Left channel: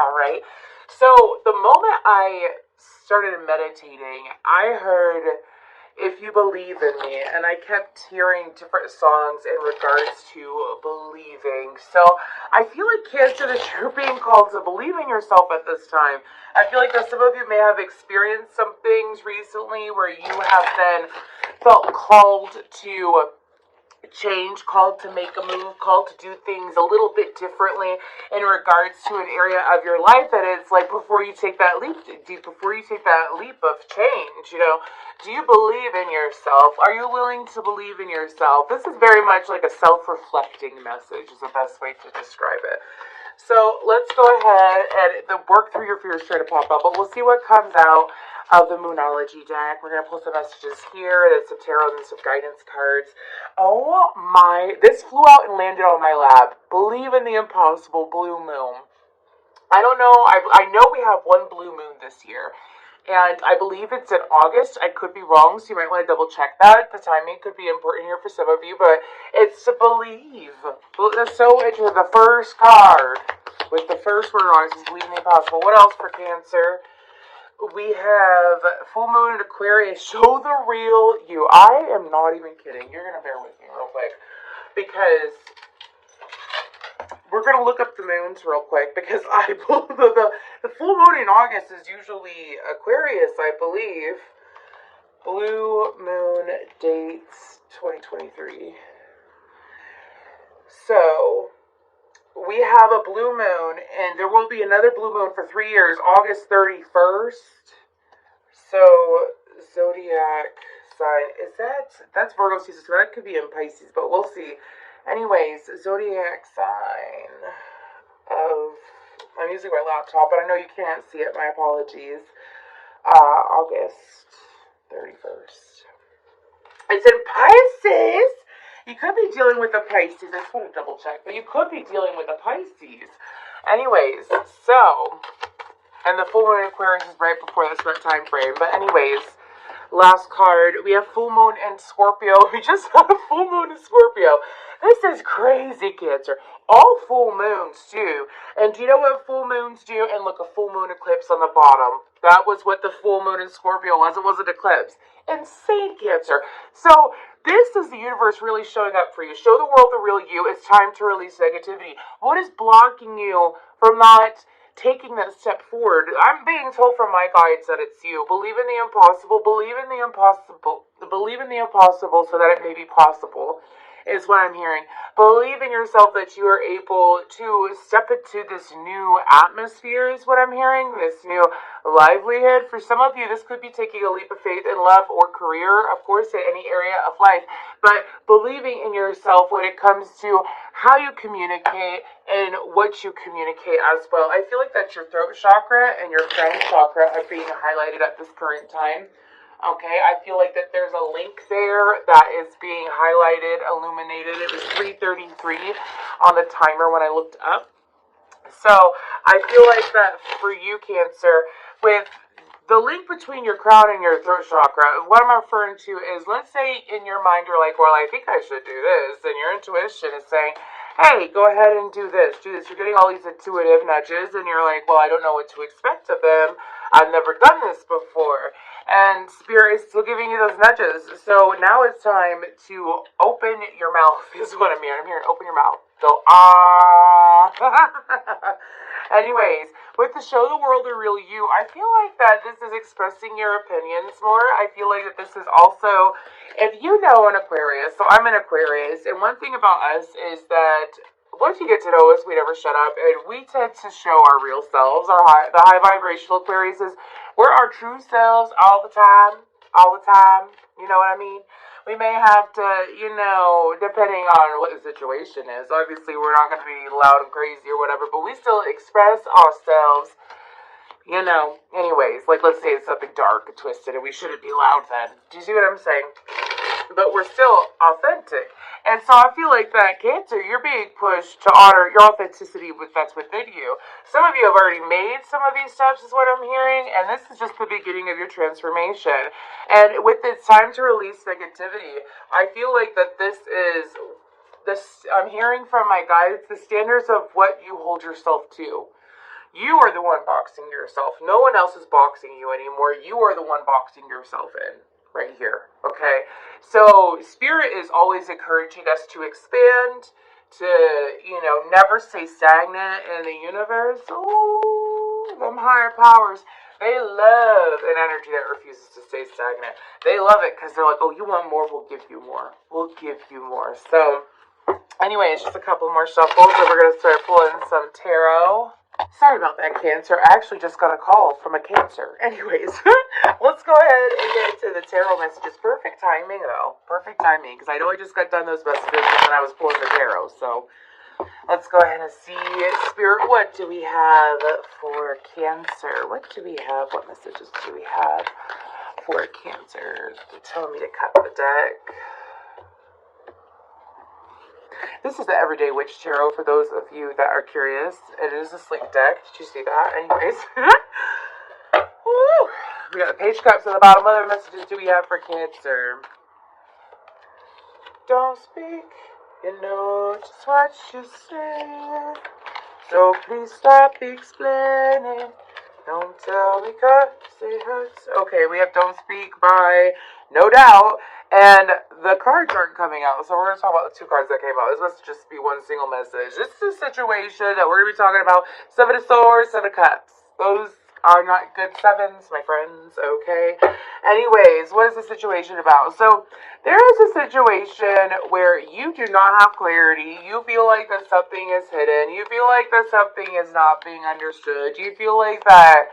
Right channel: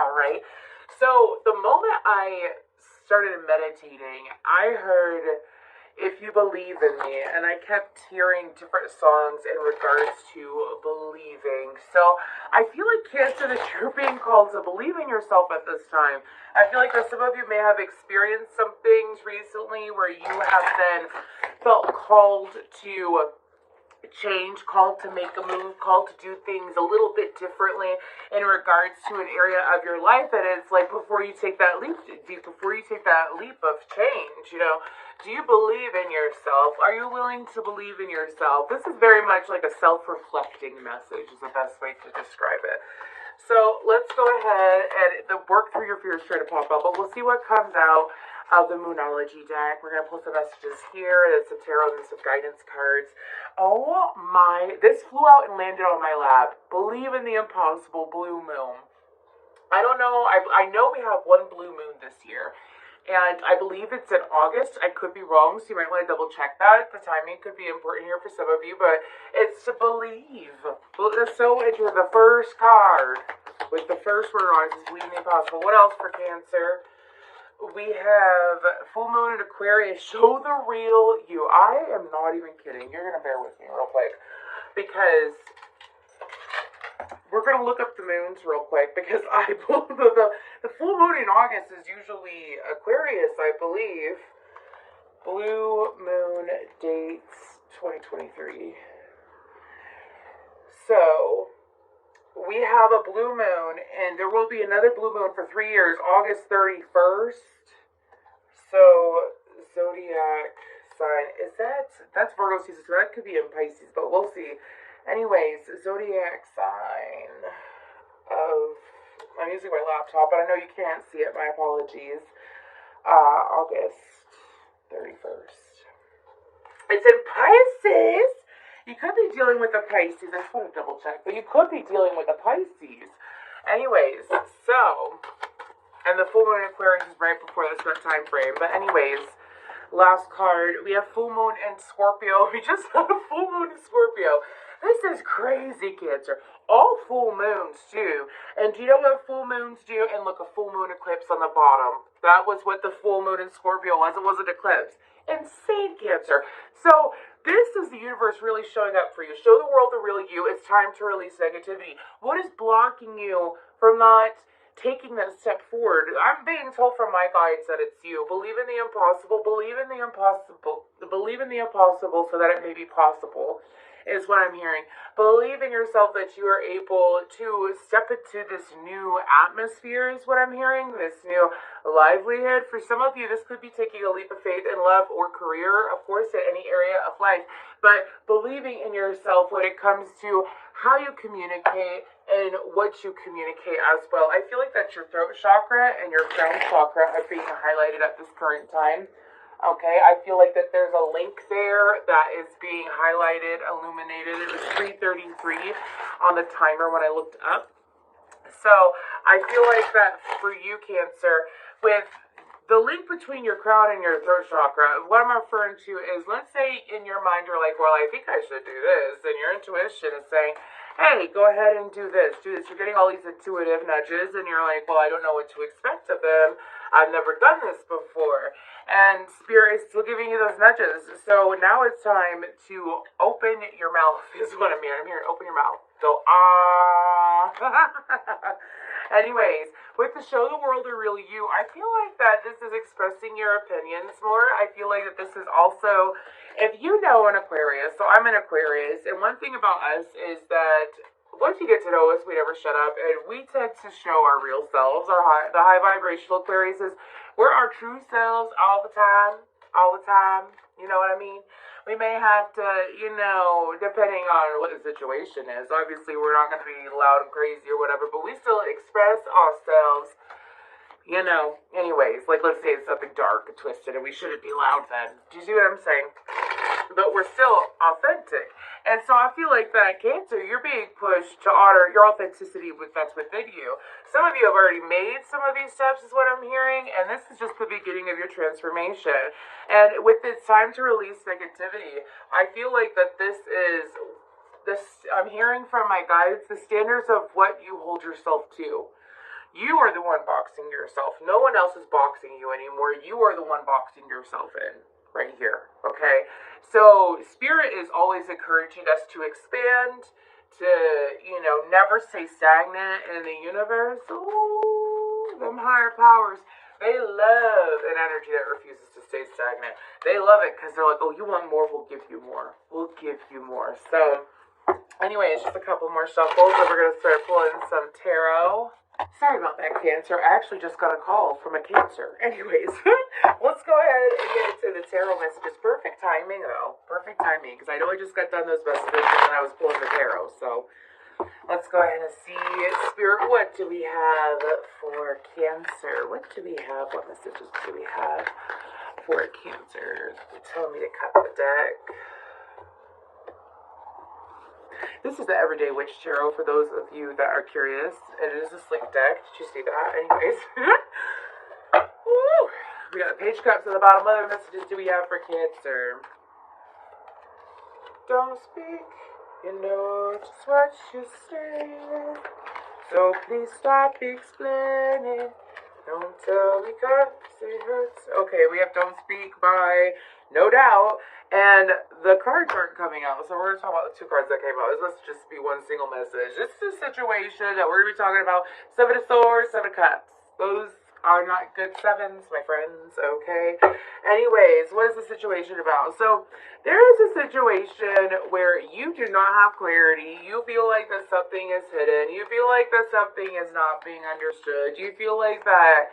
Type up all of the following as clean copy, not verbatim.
All right. So the moment I started meditating, I heard "If You Believe in Me," and I kept hearing different songs in regards to believing. So I feel like, Cancer, that you're being called to believe in yourself at this time. I feel like that some of you may have experienced some things recently where you have been felt called to change, called to make a move, called to do things a little bit differently in regards to an area of your life. And it's like, before you take that leap, before you take that leap of change, do you believe in yourself? Are you willing to believe in yourself? This is very much like a self-reflecting message, is the best way to describe it. So let's go ahead and work through your fears, try to pop up, but we'll see what comes out of the Moonology deck. We're going to pull some messages here. There's some tarot and some guidance cards. Oh my, this flew out and landed on my lap. Believe in the impossible, blue moon. I don't know, I know we have one blue moon this year. And I believe it's in August. I could be wrong, so you might want to double check that. The timing could be important here for some of you, but it's to believe. So it's the first card with the first word on it is believe in the impossible. What else for Cancer? We have full moon in Aquarius. Show the real you. I am not even kidding. You're going to bear with me real quick, because we're going to look up the moons real quick, because the full moon in August is usually Aquarius, I believe. Blue moon dates 2023. So we have a blue moon, and there will be another blue moon for 3 years, August 31st. So, zodiac sign, that's Virgo season, so that could be in Pisces, but we'll see. Anyways, zodiac sign of, I'm using my laptop, but I know you can't see it, my apologies. August 31st. It's in Pisces. You could be dealing with a Pisces. I just want to double check, but you could be dealing with a Pisces. Anyways, so, and the full moon in Aquarius is right before this time frame. But anyways, last card, we have full moon in Scorpio. We just had a full moon in Scorpio. This is crazy, Cancer. All full moons do. And do you know what full moons do? And look, a full moon eclipse on the bottom. That was what the full moon in Scorpio was. It was an eclipse. Insane, Cancer. So this is the universe really showing up for you. Show the world the real you. It's time to release negativity. What is blocking you from not taking that step forward? I'm being told from my guides that it's you. Believe in the impossible. Believe in the impossible. Believe in the impossible so that it may be possible, is what I'm hearing. Believe in yourself that you are able to step into this new atmosphere, is what I'm hearing. This new livelihood. For some of you, this could be taking a leap of faith in love or career, of course, in any area of life. But believing in yourself when it comes to how you communicate and what you communicate as well. I feel like that your throat chakra and your crown chakra are being highlighted at this current time. Okay, I feel like that there's a link there that is being highlighted, illuminated. It was 3:33 on the timer when I looked up. So I feel like that for you, Cancer, with the link between your crown and your throat chakra, what I'm referring to is, let's say in your mind you're like, well, I think I should do this, and your intuition is saying, hey, go ahead and do this, do this. You're getting all these intuitive nudges, and you're like, well, I don't know what to expect of them. I've never done this before. And Spirit is still giving you those nudges. So now it's time to open your mouth, is what I'm hearing. I'm hearing open your mouth. Go, ah. Anyways, with the show the world the real you, I feel like that this is expressing your opinions more. I feel like that this is also, if you know an Aquarius, so I'm an Aquarius, and one thing about us is that once you get to know us, we never shut up, and we tend to show our real selves. The high vibrational Aquarius is, we're our true selves all the time, you know what I mean? We may have to, depending on what the situation is, obviously we're not going to be loud and crazy or whatever, but we still express ourselves, anyways, like let's say it's something dark and twisted and we shouldn't be loud then. Do you see what I'm saying? But we're still authentic. And so I feel like that, Cancer, you're being pushed to honor your authenticity that's within you. Some of you have already made some of these steps, is what I'm hearing, and this is just the beginning of your transformation. And with it's time to release negativity, I feel like that this, I'm hearing from my guides, the standards of what you hold yourself to. You are the one boxing yourself. No one else is boxing you anymore. You are the one boxing yourself in right here. Okay? So Spirit is always encouraging us to expand, to, you know, never stay stagnant in the universe. Ooh, them higher powers. They love an energy that refuses to stay stagnant. They love it because they're like, oh, you want more? We'll give you more. We'll give you more. So, anyways, just a couple more shuffles, and we're going to start pulling some tarot. Sorry about that, Cancer. I actually just got a call from a Cancer. Anyways, let's go ahead and get into the tarot messages. Perfect timing, though. Perfect timing, because I know I just got done those messages and I was pulling the tarot, so... Let's go ahead and see, Spirit, what do we have for Cancer? What do we have? What messages do we have for Cancer? They're telling me to cut the deck. This is the Everyday Witch Tarot for those of you that are curious. It is a slick deck. Did you see that? Anyways. Woo! We got the Page of Cups at the bottom. What other messages do we have for Cancer? Don't speak. You know just what you say, so please stop explaining. Don't tell me 'cause it hurts. Okay, we have Don't Speak by No Doubt, and the cards aren't coming out, so we're going to talk about the two cards that came out. This must just be one single message. This is a situation that we're going to be talking about. Seven of Swords, Seven of Cups. Those are not good sevens, my friends, okay? Anyways, what is the situation about? So, there is a situation where you do not have clarity. You feel like that something is hidden. You feel like that something is not being understood. You feel like that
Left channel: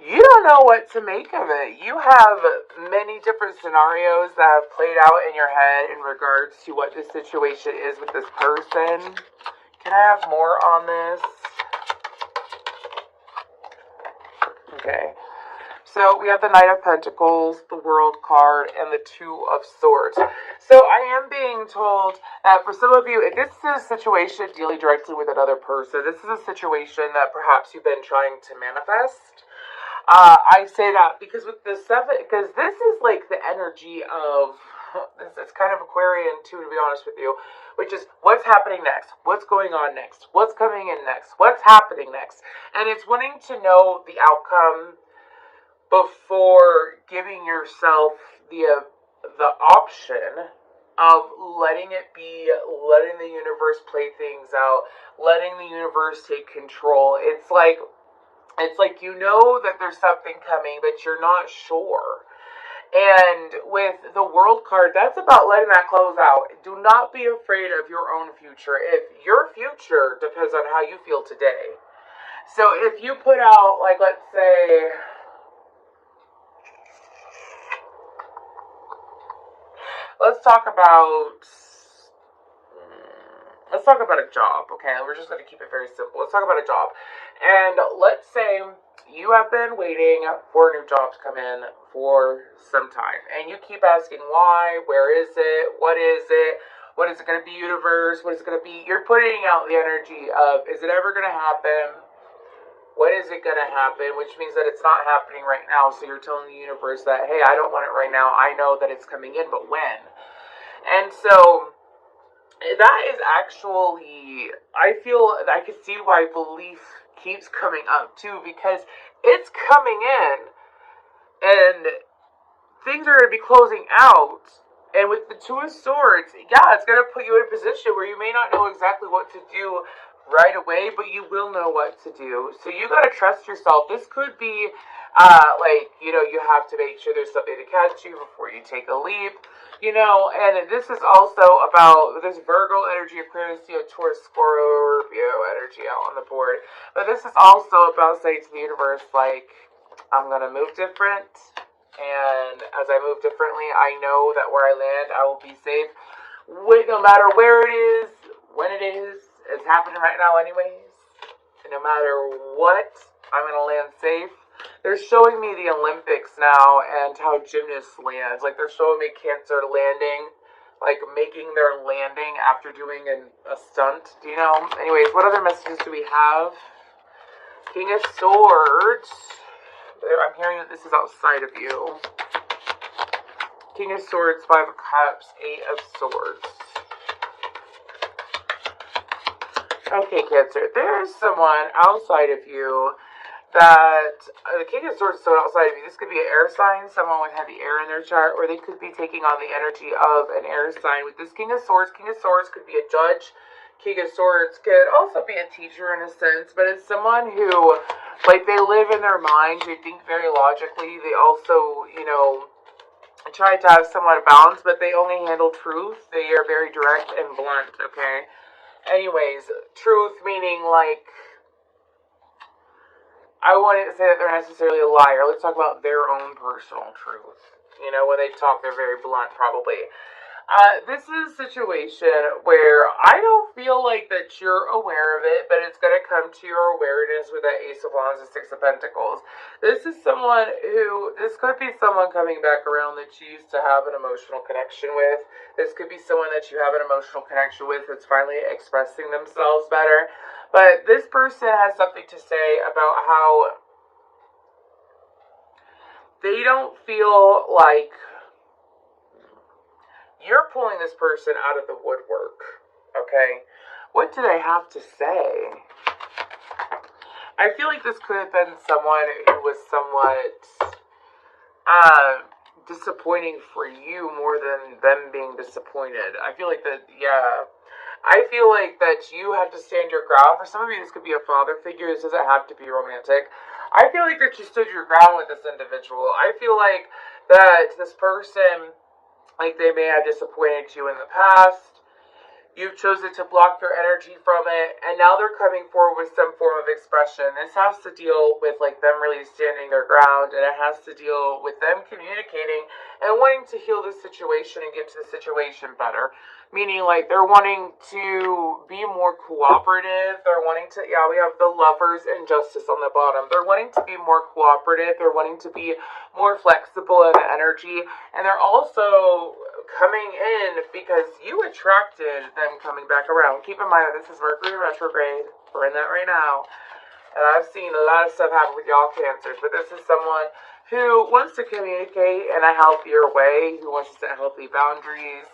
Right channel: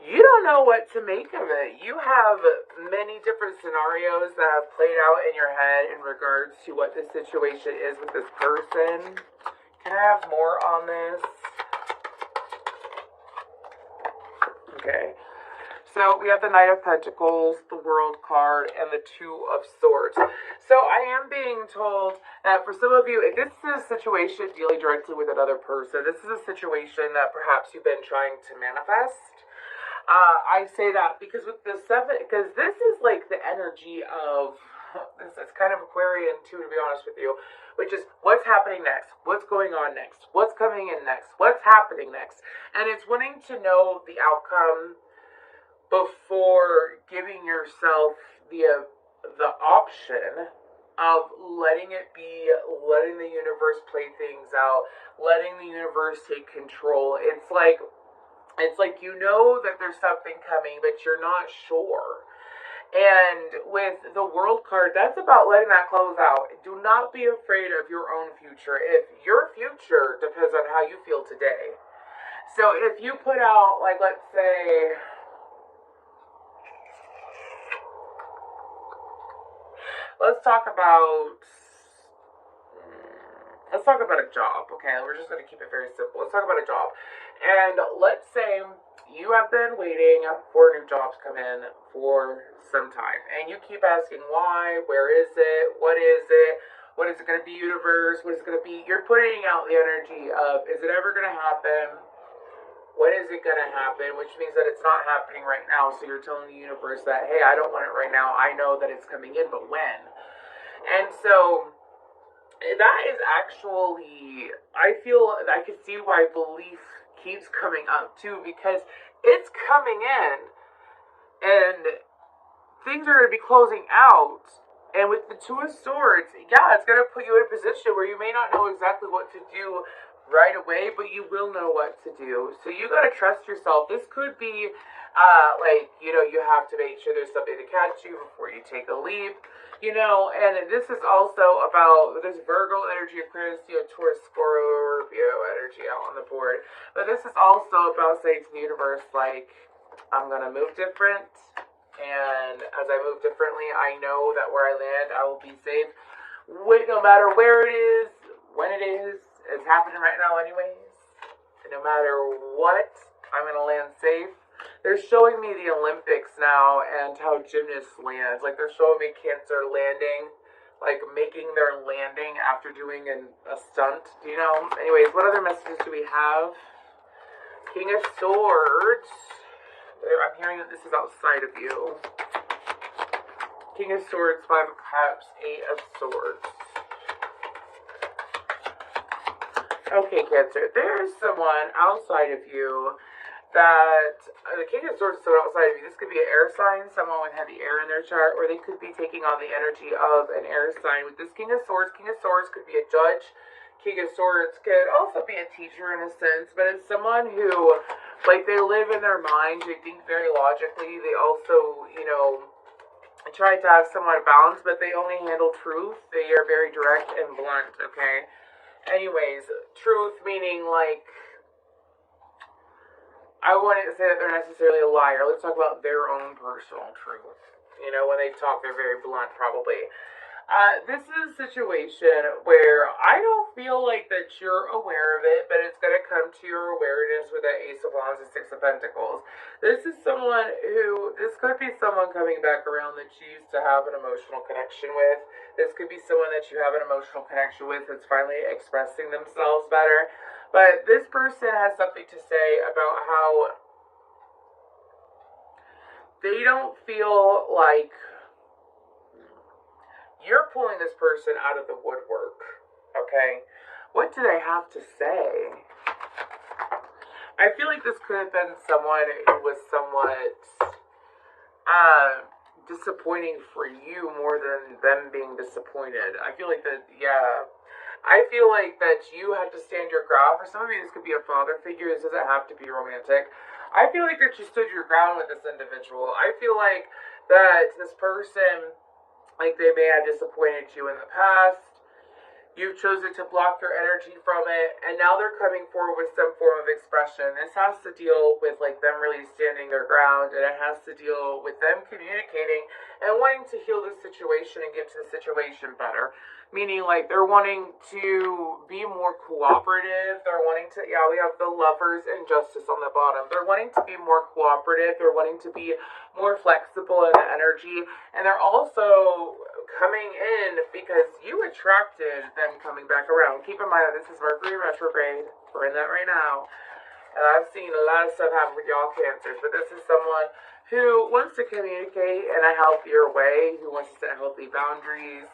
you don't know what to make of it. You have many different scenarios that have played out in your head in regards to what the situation is with this person. Can I have more on this? Okay. So we have the Knight of Pentacles, the World card, and the Two of Swords. So I am being told that for some of you, if this is a situation dealing directly with another person, this is a situation that perhaps you've been trying to manifest. I say that because with the seven, because this is like the energy of, it's kind of Aquarian too, to be honest with you, which is what's happening next, what's going on next, what's coming in next, what's happening next, and it's wanting to know the outcome before giving yourself the option of letting it be, letting the universe play things out, letting the universe take control. It's like you know that there's something coming, but you're not sure. And with the World card, that's about letting that close out. Do not be afraid of your own future. If your future depends on how you feel today. So if you put out, like, let's say, let's talk about a job, okay? We're just going to keep it very simple. Let's talk about a job. And let's say you have been waiting for a new job to come in for some time. And you keep asking why, where is it, what is it going to be, universe, what is it going to be? You're putting out the energy of, is it ever going to happen? When is it going to happen? Which means that it's not happening right now. So you're telling the universe that, hey, I don't want it right now. I know that it's coming in, but when? And so that is actually, I feel, I can see why belief keeps coming up too, because it's coming in and things are going to be closing out. And with the Two of Swords, yeah, it's going to put you in a position where you may not know exactly what to do right away, but you will know what to do. So you got to trust yourself. This could be like, you know, you have to make sure there's something to catch you before you take a leap, you know. And this is also about this Virgo energy, Aquarius, Taurus, Scorpio energy out on the board. But this is also about saying to the universe, like, I'm going to move different. And as I move differently, I know that where I land, I will be safe. No matter where it is, when it is, it's happening right now anyways. And no matter what, I'm going to land safe. They're showing me the Olympics now and how gymnasts land. Like, they're showing me Cancer landing, like making their landing after doing a stunt. Do you know? Anyways, what other messages do we have? King of Swords. I'm hearing that this is outside of you. King of Swords, Five of Cups, Eight of Swords. Okay, Cancer, there's someone outside of you that the King of Swords is someone outside of you. This could be an air sign, someone with heavy air in their chart, or they could be taking on the energy of an air sign. With this King of Swords could be a judge. King of Swords could also be a teacher in a sense, but it's someone who, like, they live in their mind, they think very logically, they also, you know, try to have somewhat of balance, but they only handle truth. They are very direct and blunt, okay? Anyways, truth meaning, like, I wouldn't say that they're necessarily a liar. Let's talk about their own personal truth. You know, when they talk, they're very blunt, probably. This is a situation where I don't feel like that you're aware of it, but it's going to come to your awareness with that Ace of Wands and Six of Pentacles. This is someone who, this could be someone coming back around that you used to have an emotional connection with. This could be someone that you have an emotional connection with that's finally expressing themselves better. But this person has something to say about how they don't feel like you're pulling this person out of the woodwork, okay? What do they have to say? I feel like this could have been someone who was somewhat disappointing for you more than them being disappointed. I feel like that, yeah. I feel like that you have to stand your ground. For some of you, this could be a father figure. This doesn't have to be romantic. I feel like that you stood your ground with this individual. I feel like that this person, like, they may have disappointed you in the past. You've chosen to block their energy from it, and now they're coming forward with some form of expression. This has to deal with, like, them really standing their ground, and it has to deal with them communicating and wanting to heal the situation and get to the situation better. Meaning, like, they're wanting to be more cooperative. They're wanting to, yeah, we have the Lovers and Justice on the bottom. They're wanting to be more cooperative. They're wanting to be more flexible in energy. And they're also coming in because you attracted them coming back around. Keep in mind that this is Mercury retrograde. We're in that right now. And I've seen a lot of stuff happen with y'all Cancers. But this is someone who wants to communicate in a healthier way, who wants to set healthy boundaries,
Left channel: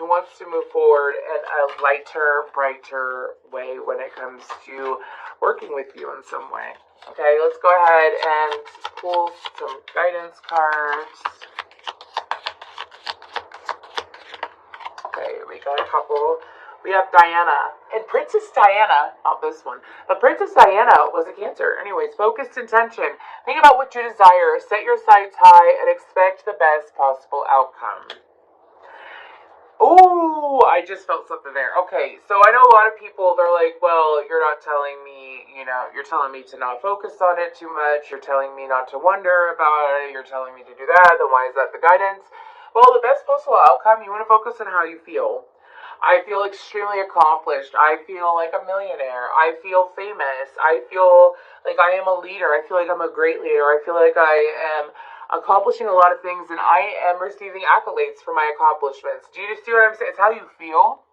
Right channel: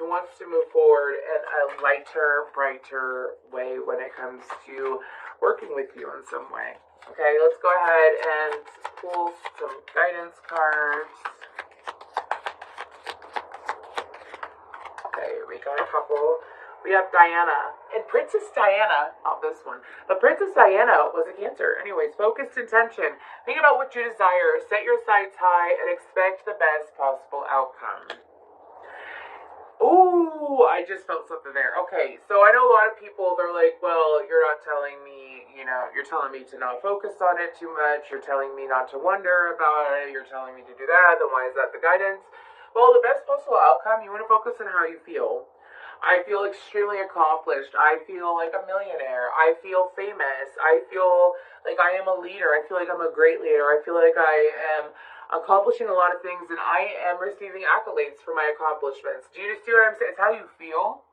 who wants to move forward in a lighter, brighter way when it comes to working with you in some way. Okay, let's go ahead and pull some guidance cards. Okay, we got a couple. We have Diana. And Princess Diana, not this one, but Princess Diana was a Cancer. Anyways, focused intention. Think about what you desire. Set your sights high and expect the best possible outcome. Ooh, I just felt something there. Okay, so I know a lot of people, they're like, well, you're not telling me, you know, you're telling me to not focus on it too much. You're telling me not to wonder about it. You're telling me to do that. Then why is that the guidance? Well, the best possible outcome, you want to focus on how you feel. I feel extremely accomplished. I feel like a millionaire. I feel famous. I feel like I am a leader. I feel like I'm a great leader. I feel like I am accomplishing a lot of things, and I am receiving accolades for my accomplishments. Do you see what I'm saying? It's how you feel.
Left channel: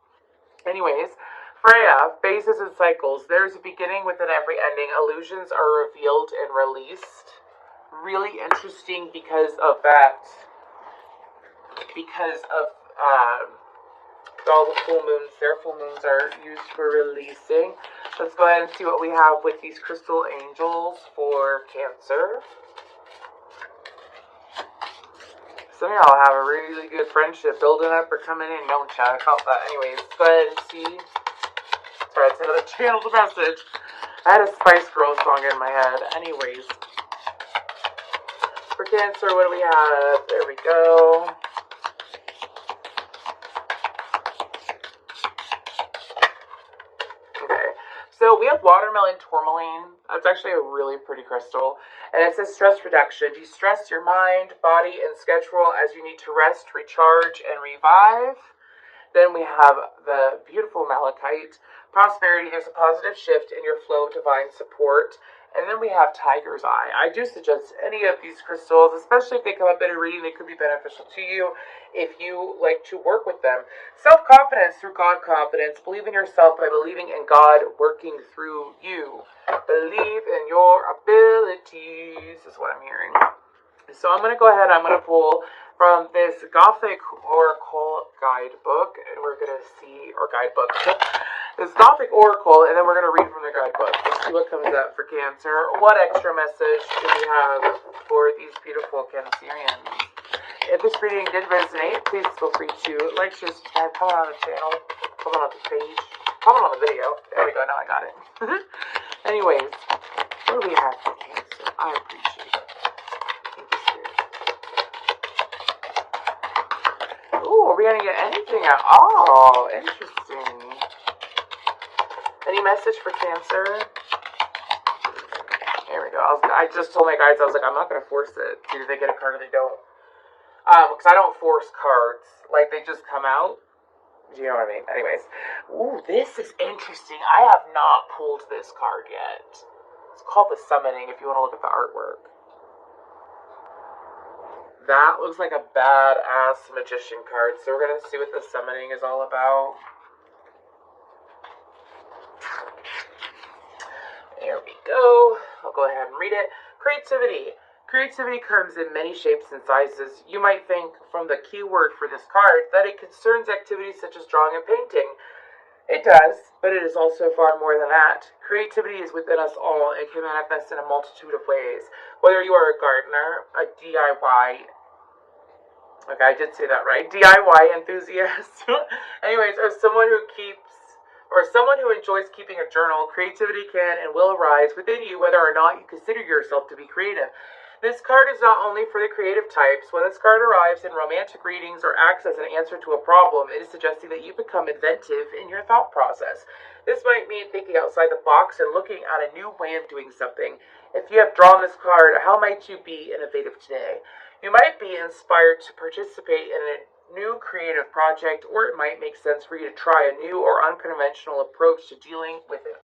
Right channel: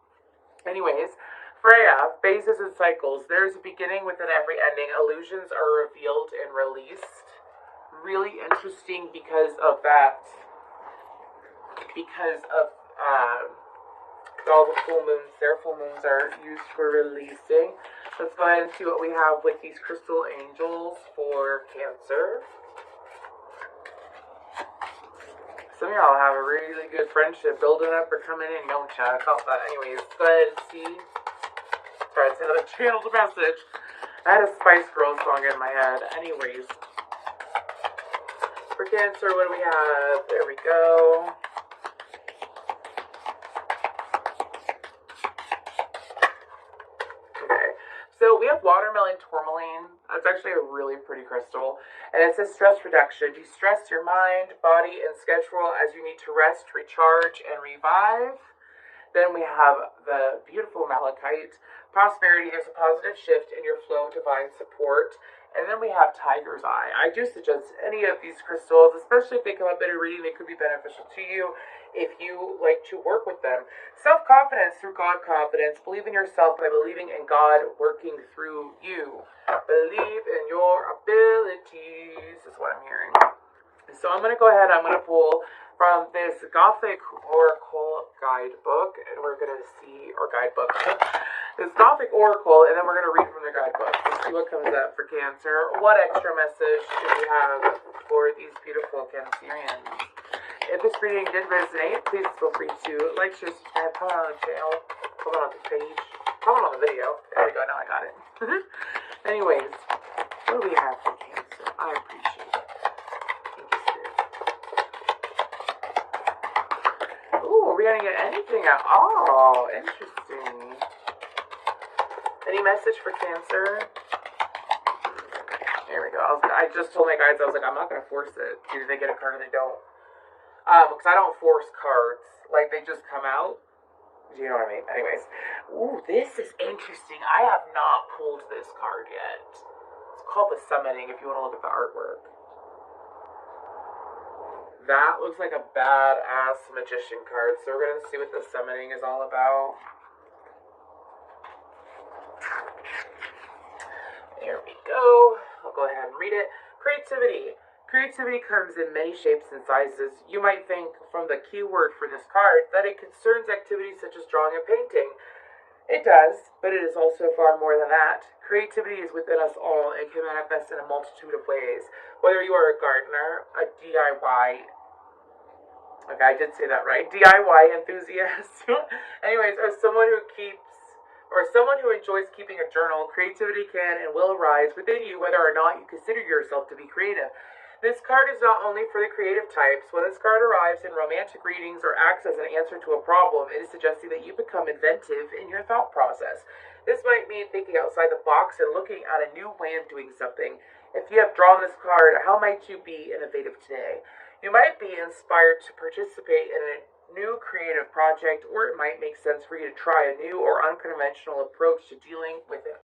Anyways, Freya, phases and cycles. There's a beginning within every ending. Illusions are revealed and released. Really interesting because of that. Because of all the full moons. Their full moons are used for releasing. Let's go ahead and see what we have with these crystal angels for Cancer. Some of y'all have a really good friendship building up or coming in, don't ya? I felt that. Anyways, go ahead and see. Sorry, it's another channeled message. I had a Spice Girls song in my head. Anyways. For Cancer, what do we have? There we go. Okay. So we have watermelon tourmaline. That's actually a really pretty crystal. And it says stress reduction. De-stress your mind, body, and schedule as you need to rest, recharge, and revive. Then we have the beautiful malachite. Prosperity, there's a positive shift in your flow of divine support. And then we have tiger's eye. I do suggest any of these crystals, especially if they come up in a reading, they could be beneficial to you if you like to work with them. Self-confidence through God confidence. Believe in yourself by believing in God working through you. Believe in your abilities is what I'm hearing. So I'm going to go ahead and I'm going to pull from this Gothic Oracle guidebook, and we're going to see, or guidebook. the Gothic Oracle, and then we're going to read from the guidebook. Let's see what comes up for Cancer. What extra message do we have for these beautiful Cancerians? If this reading did resonate, please feel free to like, share, subscribe, comment on the channel, comment on the page, comment on the video. There we go, now I got it. Anyways, what do we have for Cancer? I appreciate it. Thank you, Spirit. Ooh, are we going to get anything at all? Interesting. Any message for Cancer? There we go. I just told my guys, I was like, I'm not going to force it. Either they get a card or they don't. Because I don't force cards. Like, they just come out. Do you know what I mean? Anyways. Ooh, this is interesting. I have not pulled this card yet. It's called The Summoning, if you want to look at the artwork. That looks like a badass magician card. So we're going to see what The Summoning is all about. There we go. I'll go ahead and read it. Creativity. Creativity comes in many shapes and sizes. You might think from the keyword for this card that it concerns activities such as drawing and painting. It does, but it is also far more than that. Creativity is within us all and can manifest in a multitude of ways. Whether you are a gardener, a DIY, okay, I did say that right, DIY enthusiast, anyways, or someone who enjoys keeping a journal, creativity can and will arise within you whether or not you consider yourself to be creative. This card is not only for the creative types. When this card arrives in romantic readings or acts as an answer to a problem, it is suggesting that you become inventive in your thought process. This might mean thinking outside the box and looking at a new way of doing something. If you have drawn this card, how might you be innovative today? You might be inspired to participate in a new creative project, or it might make sense for you to try a new or unconventional approach to dealing with it.